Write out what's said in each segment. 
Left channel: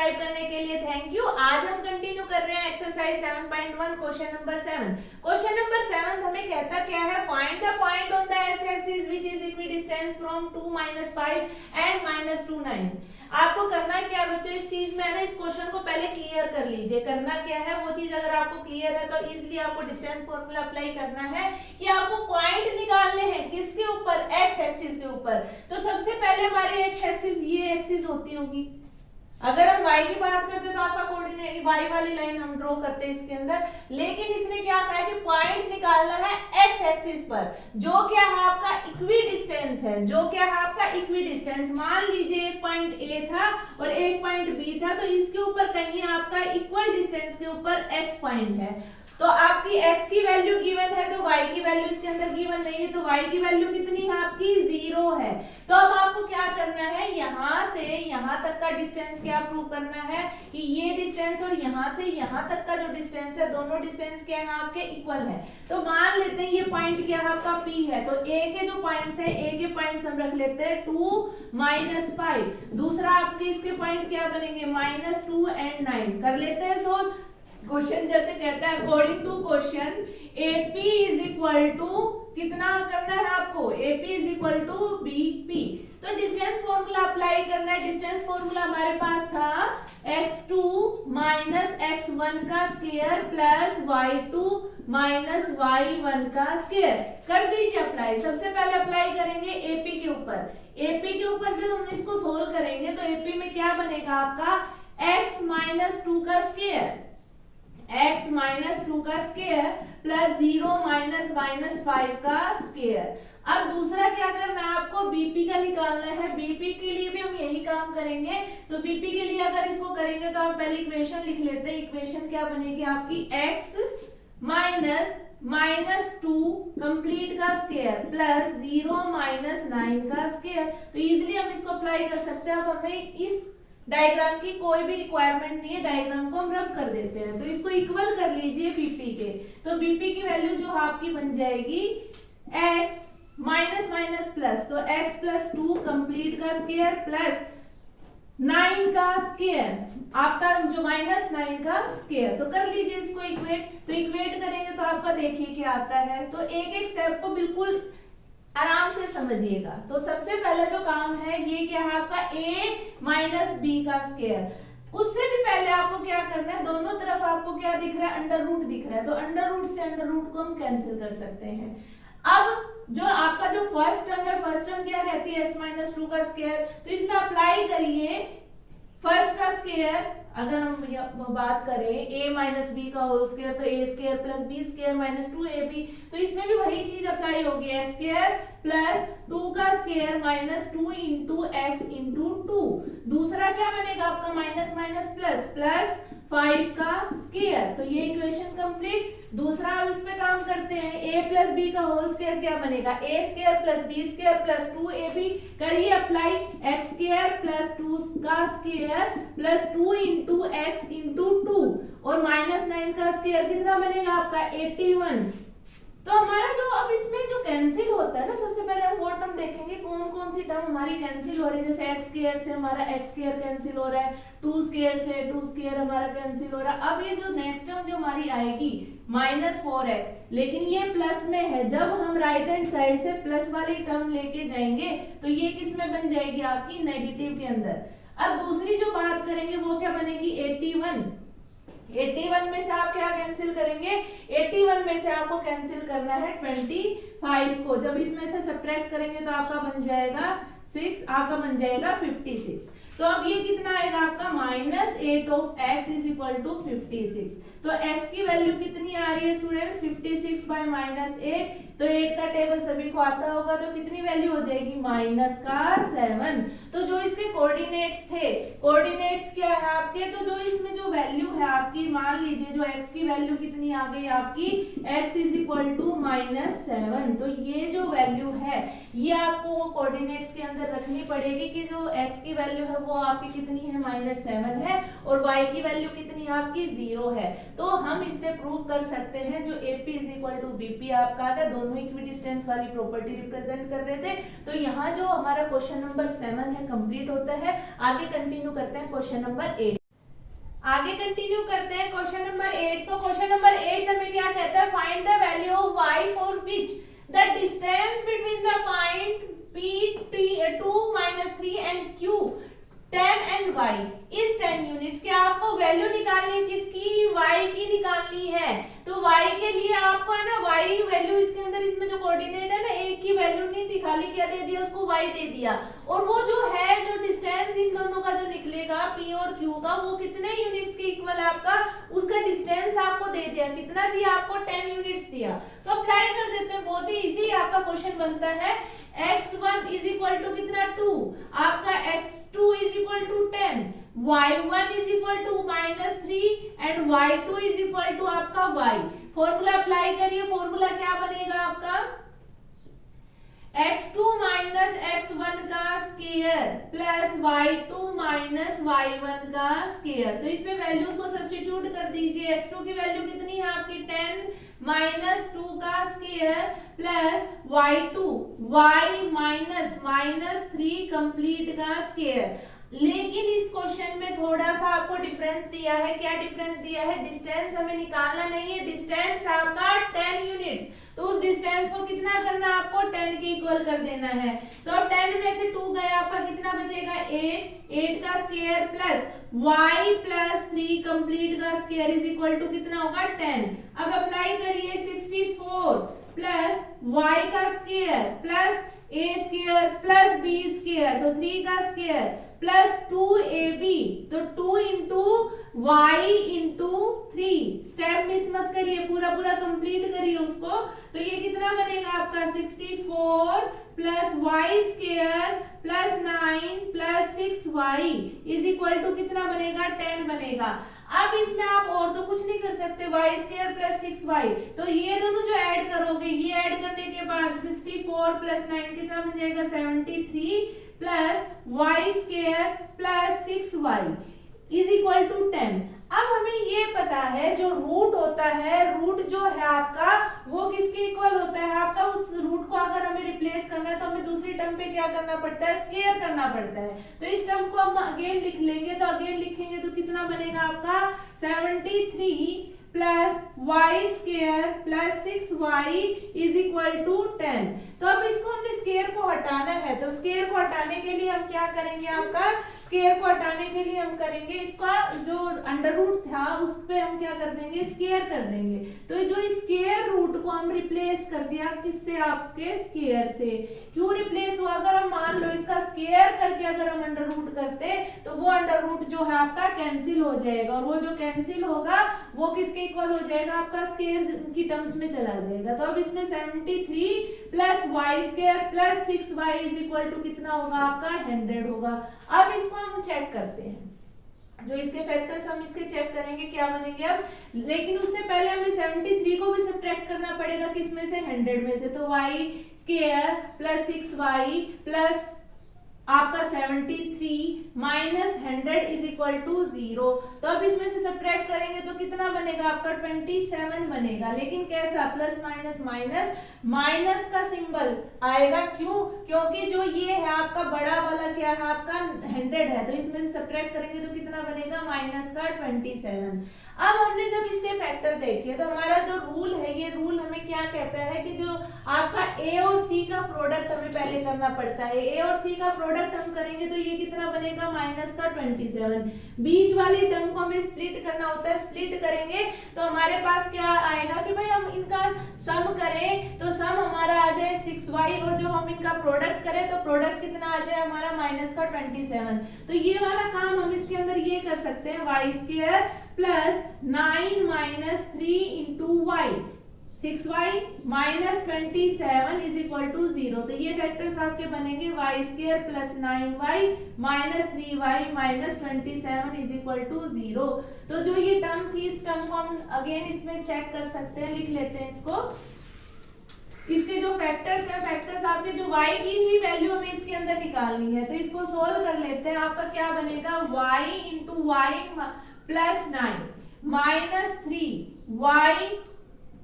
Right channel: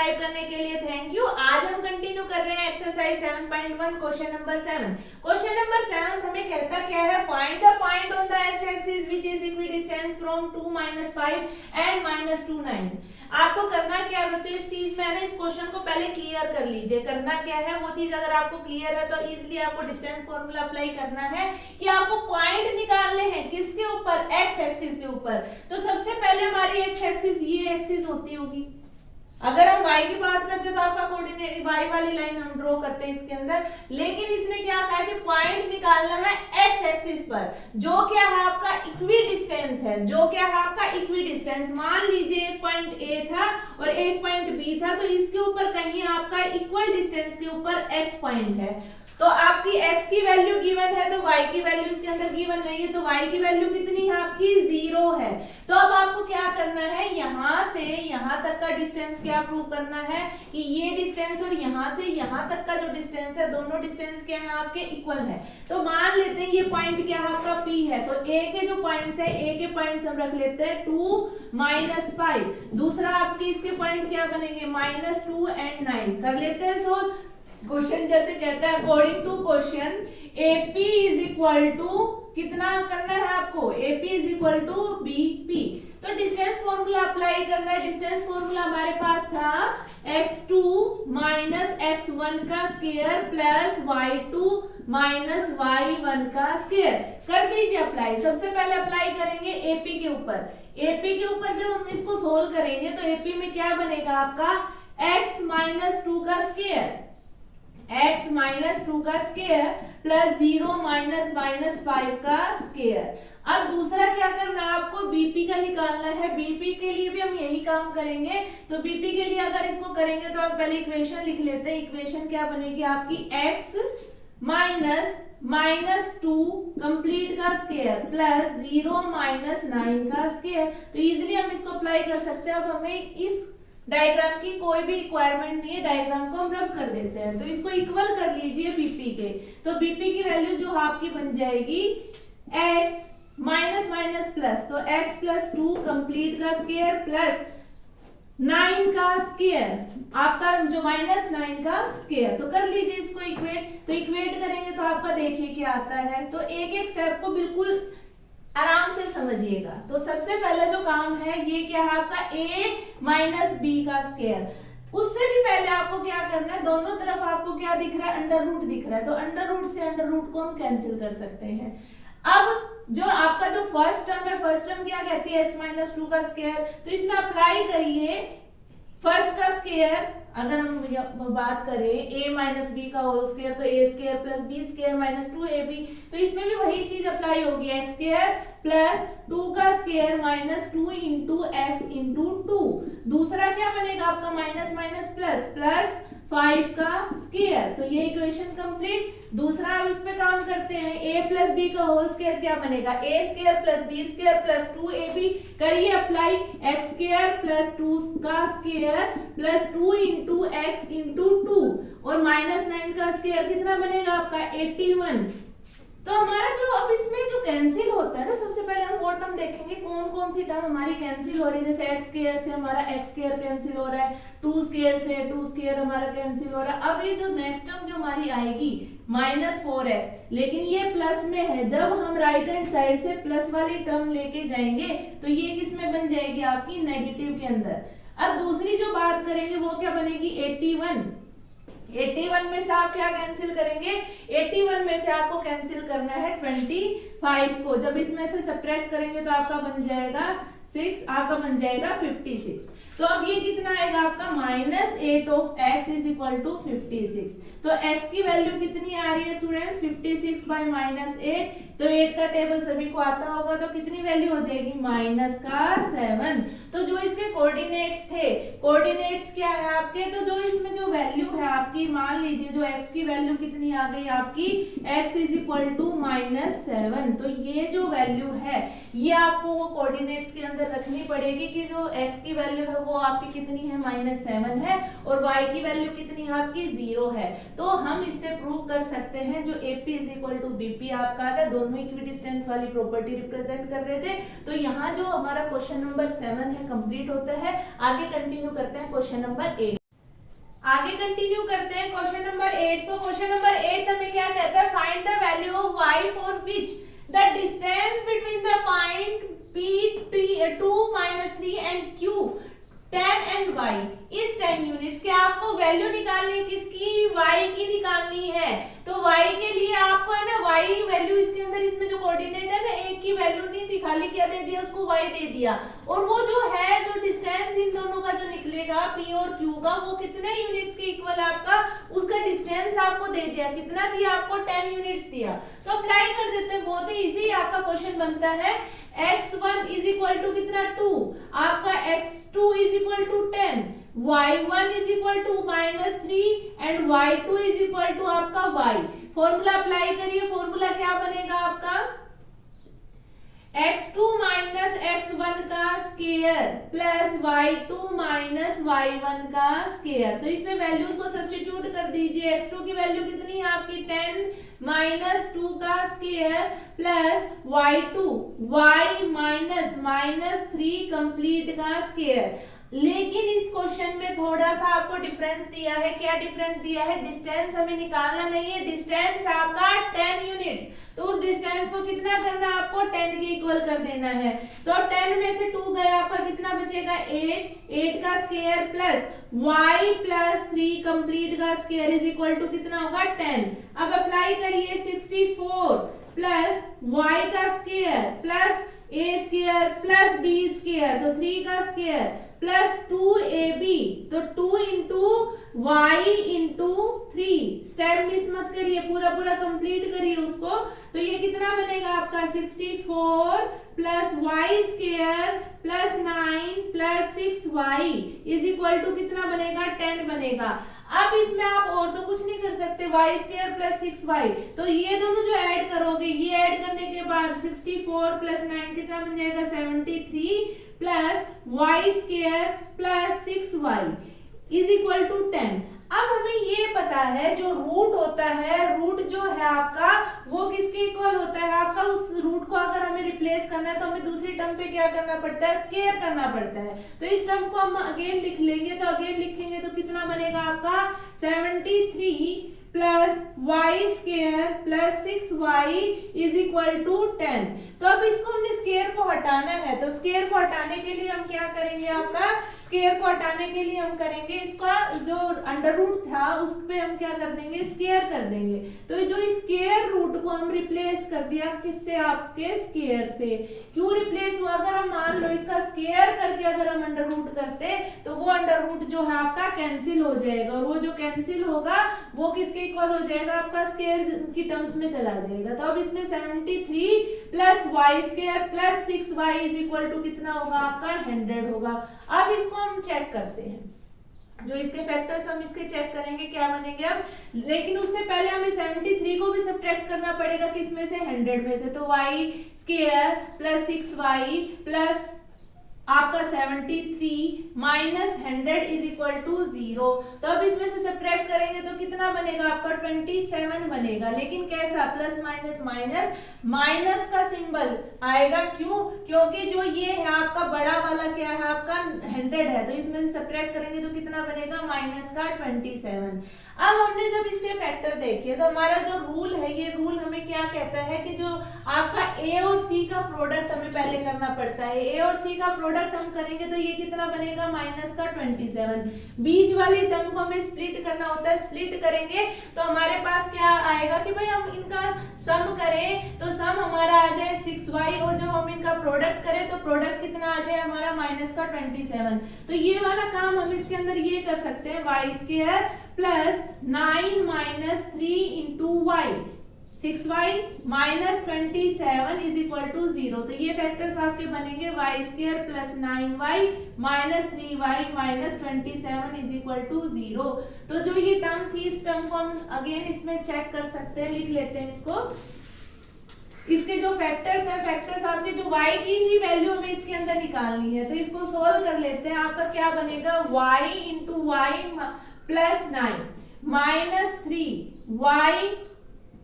Subscribe करने के लिए थैंक यू। आज हम कंटिन्यू कर रहे हैं exercise 7.1 question number 7। Question number 7 हमें कहता क्या है, find the point on the x axis which is equidistance from 2 -5 and -2 9। आपको करना क्या बच्चों, इस चीज में है ना, इस क्वेश्चन को पहले क्लियर कर लीजिए। करना क्या है वो चीज अगर आपको क्लियर है तो इजीली आपको डिस्टेंस फॉर्मूला अप्लाई करना है कि आपको पॉइंट निकालने हैं किसके ऊपर, एक्स एक्सिस के ऊपर। तो सबसे पहले हमारी एक्स एक्सिस ये एक्सिस होती होगी। अगर हम y की बात करते तो आपका कोऑर्डिनेट y वाली लाइन हम ड्रॉ करते हैं इसके अंदर, लेकिन इसने क्या कहा कि पॉइंट निकालना है x एक्सिस पर, जो क्या है आपका इक्वी डिस्टेंस है, जो क्या है आपका इक्वी डिस्टेंस। मान लीजिए एक पॉइंट A था और एक पॉइंट B था, तो इसके ऊपर कहीं आपका इक्वल डिस्टेंस के ऊपर x पॉइंट है। तो आपकी x की वैल्यू गिवन है तो y की वैल्यू इसके अंदर गिवन नहीं है, तो y की वैल्यू कितनी है आपकी, 0 है। तो अब आपको क्या करना है, यहां से यहां तक का डिस्टेंस क्या प्रूव करना है कि ये डिस्टेंस और यहां से यहां तक का जो डिस्टेंस है, दोनों डिस्टेंस क्या है आपके इक्वल है। तो मान लेते हैं ये पॉइंट क्या है आपका P है, तो A के जो पॉइंट्स है, A के पॉइंट्स हम रख लेते हैं 2 -5। दूसरा आपके इसके पॉइंट क्या बनेंगे, -2 एंड 9। कर लेते हैं सोल्व। क्वेश्चन जैसे कहता है according to question AP is equal to, कितना करना है आपको, AP is equal to BP। तो डिस्टेंस फॉर्मूला अप्लाई करना है। डिस्टेंस फॉर्मूला हमारे पास था x2 x1 का स्क्वायर प्लस y2 y1 का स्क्वायर। कर दीजिए अप्लाई। सबसे पहले अप्लाई करेंगे AP के ऊपर। AP के ऊपर जब हम इसको सोल्व करेंगे तो AP में क्या बनेगा आपका, x - 2 का स्क्वायर, x - 2 का स्क्वायर प्लस 0 -5 का स्क्वायर। अब दूसरा क्या करना है आपको, BP का निकालना है। BP के लिए भी हम यही काम करेंगे। तो BP के लिए अगर इसको करेंगे तो हम पहले इक्वेशन लिख लेते हैं। इक्वेशन क्या बनेगी आपकी, x -2 कंप्लीट का स्क्वायर प्लस 0 -9 का स्क्वायर। तो इजीली हम इसको अप्लाई कर सकते हैं। अब हमें इस डायग्राम की कोई भी रिक्वायरमेंट नहीं है, डायग्राम को हम रब कर देते हैं। तो इसको इक्वल कर लीजिए BP के। तो BP की वैल्यू जो आपकी बन जाएगी x माइनस प्लस, तो x + 2 कंप्लीट का स्क्वायर प्लस 9 का स्क्वायर, आपका जो -9 का स्क्वायर। तो कर लीजिए इसको इक्वेट। तो इक्वेट करेंगे तो आपका देखिए क्या आता है। तो एक एक स्टेप को बिल्कुल आराम से समझिएगा। तो सबसे पहला जो काम है ये क्या है आपका, a - b का स्क्वायर। उससे भी पहले आपको क्या करना है, दोनों तरफ आपको क्या दिख रहा है, अंडर रूट दिख रहा है। तो अंडर रूट से अंडर रूट को हम कैंसिल कर सकते हैं। अब जो आपका जो फर्स्ट टर्म है, फर्स्ट टर्म क्या कहती है, x - 2 का स्क्वायर। तो इसमें अप्लाई करिए फर्स्ट का स्क्वायर। अगर हम बात करें a - b का होल स्क्वायर, तो a² + b² - 2ab। तो इसमें भी वही चीज अप्लाई होगी, x² + 2 का स्क्वायर -2 × x × 2। दूसरा क्या बनेगा आपका, माइनस प्लस 5 का स्क्वायर। तो ये इक्वेशन कंप्लीट। दूसरा अब इस पे काम करते हैं, a + b का होल स्क्वायर क्या बनेगा, a² + b² + 2ab। करिए अप्लाई, x² + 2 का स्क्वायर प्लस 2 × x × 2 और -9 का स्क्वायर कितना बनेगा आपका, 81। तो हमारा जो अब इसमें जो कैंसिल होता है ना, सबसे पहले हम वो टर्म देखेंगे कौन कौन सी टर्म हमारी कैंसिल हो रही है। जैसे x² से हमारा x² कैंसिल हो रहा है, 2² से 2² हमारा कैंसिल हो रहा है। अब ये जो नेक्स्ट टर्म जो हमारी आएगी -4x, लेकिन ये प्लस में है। जब हम राइट हैंड साइड से प्लस वाली टर्म लेके जाएंगे तो ये किस में बन जाएगी आपकी, नेगेटिव के अंदर। अब दूसरी जो बात करेंगे वो क्या बनेगी, 81 में से आप क्या कैंसिल करेंगे, 81 में से आपको कैंसिल करना है 25 को। जब इसमें से सब्ट्रैक्ट करेंगे तो आपका बन जाएगा 6, आपका बन जाएगा 56। तो अब ये कितना आएगा आपका, -8 of x = 56। तो x की वैल्यू कितनी आ रही है स्टूडेंट्स, 56 / -8। तो 8 का टेबल सभी को आता होगा, तो कितनी वैल्यू हो जाएगी, -7। तो जो इसके कोऑर्डिनेट्स थे, कोऑर्डिनेट्स क्या है आपके, तो जो इसमें जो वैल्यू है आपकी, मान लीजिए जो x की वैल्यू कितनी आ गई आपकी, x = -7। तो ये जो वैल्यू है ये आपको वो कोऑर्डिनेट्स के अंदर रखनी पड़ेगी कि जो x की वैल्यू है वो आपकी कितनी है, -7 है, और y की वैल्यू कितनी है आपकी, 0 है। तो हम इससे प्रूव कर सकते हैं जो AP = BP आपका है, दोनों इक्विडिस्टेंस वाली प्रॉपर्टी रिप्रेजेंट कर रहे थे। तो यहाँ जो हमारा क्वेश्चन नंबर 7 है कंप्लीट होता है। आगे कंटिन्यू करते हैं क्वेश्चन नंबर 8। आगे कंटिन्यू करते हैं क्वेश्चन नंबर 8। तो क्वेश्चन नंबर 8 हमें क्या कहता है, find the value of y for which the distance between the point P2 -3 and Q 10 and y is 10 units. क्या आपको वैल्यू निकालनी है, किसकी, y की निकालनी है। तो y के लिए आपको है ना y वैल्यू इसके अंदर, इसमें जो कोऑर्डिनेट है ना, एक की वैल्यू नहीं थी, खाली क्या दे दिया उसको, y दे दिया। और वो जो है, जो डिस्टेंस इन दोनों का जो निकलेगा p और q का, वो कितने यूनिट्स के इक्वल है आपका, उसका डिस्टेंस आपको दे दिया। कितना दिया आपको, 10 यूनिट्स दिया। तो अप्लाई कर देते हैं, बहुत ही इजी आपका क्वेश्चन बनता है। x1 इज इक्वल टू कितना, 2, आपका x2 is equal to 10, y1 is equal to -3 and y2 is equal to आपका y। फॉर्मूला अप्लाई करिए, फॉर्मूला क्या बनेगा आपका, x2 माइनस x1 का square plus y2 minus y1 का स्क्वायर। तो इसमें वैल्यूज को सब्स्टिट्यूट कर दीजिए। x2 की वैल्यू कितनी है आपकी, 10 माइनस 2 का square plus y2 y minus 3 complete का स्क्वायर। लेकिन इस क्वेश्चन में थोड़ा सा आपको डिफरेंस दिया है। क्या डिफरेंस दिया है, डिस्टेंस हमें निकालना नहीं है, डिस्टेंस आपका 10 यूनिट्स। तो उस डिस्टेंस को कितना करना है आपको, 10 के इक्वल कर देना है। तो 10 में से 2 गया, आपका कितना बचेगा, 8 का square plus y plus 3 complete का स्क्वायर इज इक्वल टू कितना होगा, 10। अब अप्लाई करिए, 64 प्लस y का square plus a square plus b square, तो 3 का स्क्वायर प्लस 2ab, तो 2 into y into 3। Step miss मत करिए, पूरा पूरा कंप्लीट करिए उसको। तो ये कितना बनेगा आपका, 64 plus y square plus 9 plus 6y is equal to कितना बनेगा, 10 बनेगा। अब इसमें आप और तो कुछ नहीं कर सकते, y स्क्वायर प्लस 6y, तो ये दोनों जो ऐड करोगे, ये ऐड करने के बाद 64 प्लस 9 कितना बन जाएगा, 73 plus y square plus 6y is equal to 10। अब हमें ये पता है, जो रूट होता है, रूट जो है आपका, वो किसके इक्वल होता है आपका, उस रूट को अगर हमें रिप्लेस करना है तो हमें दूसरी टर्म पे क्या करना पड़ता है, स्क्वायर करना पड़ता है। तो इस टर्म को हम अगेन लिख लेंगे, तो अगेन लिखेंगे तो कितना बनेगा आपका, 73 plus y square plus 6y is equal to 10। तो अब इसको हमने स्क्वायर को हटाना है, तो स्क्वायर को हटाने के लिए हम क्या करेंगे, आपका स्क्वायर को हटाने के लिए हम करेंगे, इसका जो अंडर रूट था उस पे हम क्या कर देंगे, स्क्वायर कर देंगे। तो जो स्क्वायर रूट को हम रिप्लेस कर दिया किससे, आपके स्क्वायर से। क्यों रिप्लेस हुआ, अगर हम मान लो इसका स्क्वायर करके अगर हम अंडर रूट करते तो वो अंडर रूट जो है आपका कैंसिल हो जाएगा, और वो जो कैंसिल होगा वो किसके इक्वल हो जाएगा, आपका स्क्वायर की टर्म्स में चला जाएगा। तो अब इसमें 73 plus y square plus 6y is equal to कितना होगा आपका, 100 होगा। अब इसको हम चेक करते हैं, जो इसके फैक्टर्स हम इसके चेक करेंगे क्या बनेंगे अब। लेकिन उससे पहले हमें 73 को भी सब्ट्रैक्ट करना पड़ेगा, किसमें से, 100 में से। तो y square plus 6y plus आपका 73 माइनस 100 इज इक्वल टू 0। तो अब इसमें से सब्ट्रैक्ट करेंगे तो कितना बनेगा आपका, 27 बनेगा। लेकिन कैसा, प्लस माइनस माइनस, माइनस का सिंबल आएगा, क्यों, क्योंकि जो ये है आपका बड़ा वाला क्या है आपका 100 है, तो इसमें से सब्ट्रैक्ट करेंगे तो कितना बनेगा, माइनस का 27। अब हमने जब इसके फैक्टर देखे तो हमारा जो रूल है, ये रूल हमें क्या कहता है कि जो आपका a और c का प्रोडक्ट हमें पहले करना पड़ता है। a और c का प्रोडक्ट हम करेंगे तो ये कितना बनेगा, माइनस का 27। बीच वाली टर्म को हमें स्प्लिट करना होता है, स्प्लिट करेंगे तो हमारे पास क्या आएगा कि भाई हम इनका सम करें तो सम हमारा आ जाए 6y, और जब हम इनका प्रोडक्ट करें तो प्रोडक्ट कितना आ जाए हमारा, माइनस का 27। तो ये वाला काम हम इसके अंदर ये कर सकते हैं, y square plus 9 minus 3 into y, 6y minus 27 is equal to 0। तो ये फैक्टर्स आपके बनेंगे, y square plus 9y minus 3y minus 27 is equal to 0। तो जो ये टर्म थी, इस टर्म को हम अगेन इसमें चेक कर सकते हैं, लिख लेते हैं इसको। इसके जो फैक्टर्स हैं, फैक्टर्स आपके जो y की ही वैल्यू हमें इसके अंदर निकालनी है, तो इसको सोल्व कर लेते हैं। आपका क्या बनेगा, y into y plus 9 minus 3y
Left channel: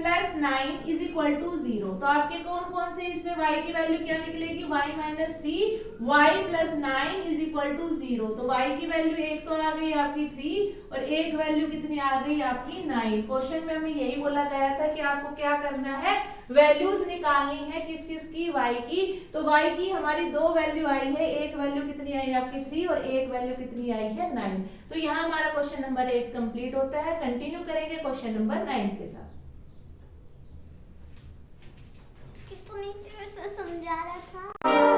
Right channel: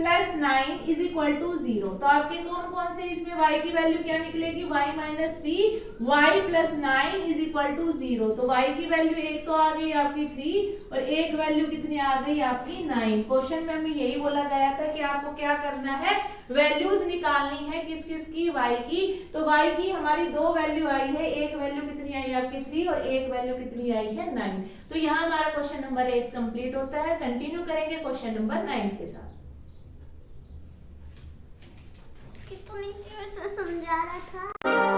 plus 9 is equal to 0। तो आपके कौन कौन से इसमें y की वैल्यू क्या निकलेगी, y minus 3 y plus 9 is equal to 0। तो y की वैल्यू एक तो आ गई आपकी 3 और एक वैल्यू कितनी आ गई आपकी 9। क्वेश्चन में हमें यही बोला गया था कि आपको क्या करना है, वैल्यूज निकालनी है किस किस की, y की। तो y की हमारी दो वैल्यू आई है, एक वैल्यू कितनी आई आपकी 3 और एक वैल्यू कितनी आई है 9। तो यहाँ हमारा क्वेश्चन नंबर 8 कंप्लीट होता है। कंटिन्यू करेंगे क्वेश्चन नंबर 9 के साथ। कितनी देर से समझा रहा था।